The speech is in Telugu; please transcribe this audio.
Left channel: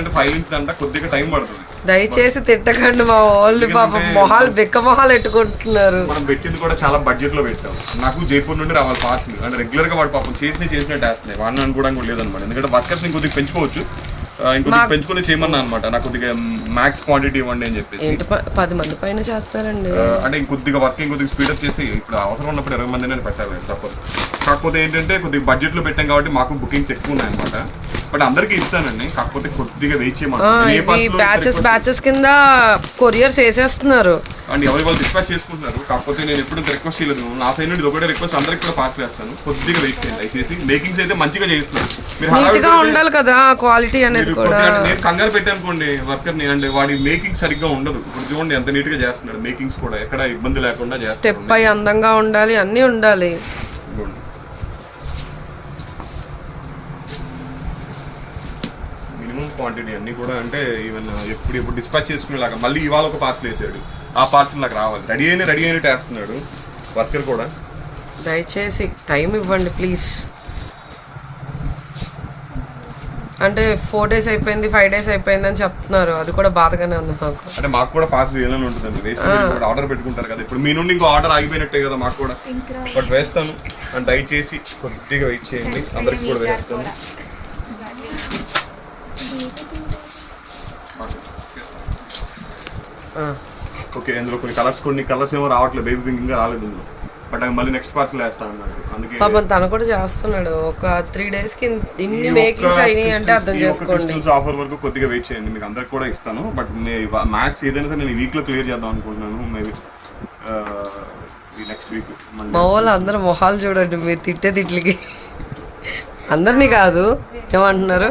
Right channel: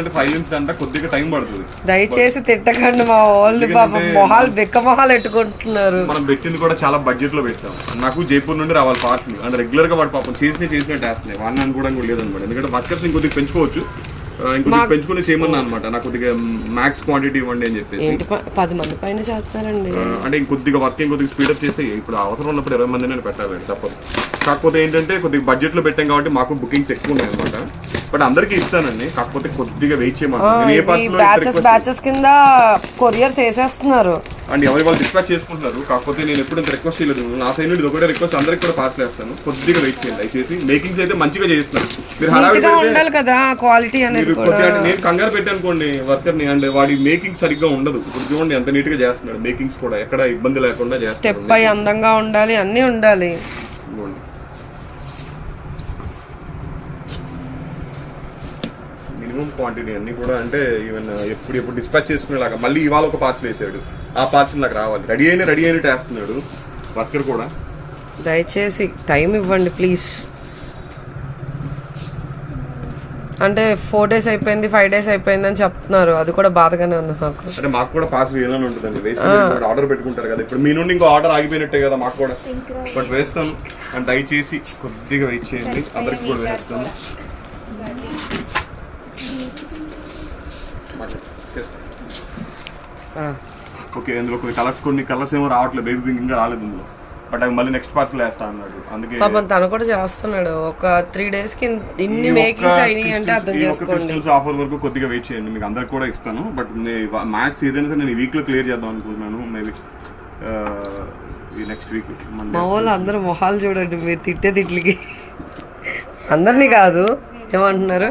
అంటే ఫైనాన్స్ అంట కొద్దిగా టైం పడుతుంది. దయచేసి తిట్టకండి, మా వాళ్ళు పాపం మొహాలు బిక్క మొహాలు ఎట్టుకుంటున్నారు. మనం పెట్టింది కూడా చాలా బడ్జెట్ లో పెట్టాం. నాకు జైపూర్ నుండి రావాలి పార్సల్, అంటే రెగ్యులర్ గా వాడు పాపం చేసినట్టు వేస్తున్నాయి. వాడిని అనుకోవడానికి లేదనమాట, ఎందుకంటే వర్కర్స్ ఇంకొద్దిగా పెంచుకోవచ్చు, ఇంకొద్దిగా పెంచుకుని చేయమన్నా అనమాట. నాకు కొద్దిగా మ్యాక్స్ క్వాంటిటీ ఇవ్వండి అని చెప్పేసి. 10 మంది పైన చేస్తారండి, అంటే ఇంకొద్దిగా వర్క్ ఇంకొద్దిగా స్పీడప్ చేస్తే ఇప్పుడు అవసరం ఉన్నప్పుడు 20 మంది నేను పెట్టాలి తప్పదు. కాకపోతే ఏంటంటే కొద్దిగా బడ్జెట్ లో పెట్టాం కాబట్టి మాకు బుకింగ్స్ ఎక్కువ ఉన్నాయి అనమాట. బట్ అందరికీ ఇస్తానండి, కాకపోతే కొద్దిగా వెయిట్ చేయమంటారు. బ్యాచెస్ కింద కొరియర్స్ వేసేస్తున్నారు అండ్ ఎవరి వాళ్ళు డిస్పాచ్ చేసుకుంటున్నారు. కాకపోతే నేను ఎప్పుడు రిక్వెస్ట్ చేయలేదు, నా సైడ్ నుండి ఒకటే రిక్వెస్ట్, అందరికి కూడా పార్సల్ వేస్తాను. కొద్దిగా వెయిట్ చేయండి దయచేసి. మేకింగ్స్ అయితే మంచిగా చేస్తున్నారు, మీరు ఉండాలి కదా క్వాలిటీ అనేది. నేను కంగారు పెట్టానుకోండి వర్కర్ ని, అంటే వాడి మేకింగ్ సరిగ్గా ఉండదు. ఇప్పుడు చూడండి ఎంత నీట్ గా చేస్తున్నాడు, మేకింగ్స్ కూడా ఎక్కడ ఇబ్బంది లేకుండా చేస్తాడు. స్టెప్ పై అందంగా ఉండాలి, అన్ని ఉండాలి. మినిమం క్వాంటిటీ అన్ని కూడా, అంటే ఈవెన్ ఎప్పుడు డిస్పాచ్ చేసుకునేలాగా. మళ్ళీ ఇవాళ ఒక పార్సల్ వేసాడు, ఆ పార్సల్ నాకు రావాలి. రెడీ అయినట్టు వేస్తున్నాడు వర్కర్ కూడా. దయచేసి టైం ఇవ్వండి ప్లీజ్. అంటే 4 days అయిపోయింది, 5 days అయిపోయింది అని చెప్తున్నారు, అది కూడా బాధగానే ఉంది నాకు. అంటే మాకు కూడా పార్సల్ వేయాలని ఉంటుందండి, ఆర్డర్ పెట్టుకుంటారు కదా. ఇప్పుడు మీ నుండి ఇంకో ఆర్డర్ ఆగిపోయినట్టే కదా మాకు కూడా. బట్ వేస్తాను, అండ్ దయచేసి కొద్దిగా వెయిట్ చేయండి, అందరికి కూడా వేస్తాను. ఓకే, ఇందులో కొన్ని కలర్స్ ఏమో రావట్లేదు, బేబీ పింక్ ఇంకా రాలేదు ఇందులో. బట్ అవి మళ్ళీ నెక్స్ట్ పార్సల్ వేస్తా అన్నాడు, అందుకే పాపం తను కూడా చేస్తున్నాడు. ఒక 3 days కి ఇన్ని మేకింగ్స్ అయినాయి అంటే అర్థం చేసుకోండి. ఆఫర్ వరకు కొద్దిగా వెయిట్ చేయండి, మీకు అందరికి కూడా ఇస్తాను. బట్ మ్యాథ్స్ ఏదైనా సరే నేను ఈ వీక్ లో క్లియర్ చేద్దాం అనుకుంటున్నాను. మేబీ ఈ నెక్స్ట్ వీక్. మా వాళ్ళు అందరూ మొహాలు చూడండి, మీరు తిట్టే తిట్లకి. అందరినీ కాదు, ఏమంటున్నారు?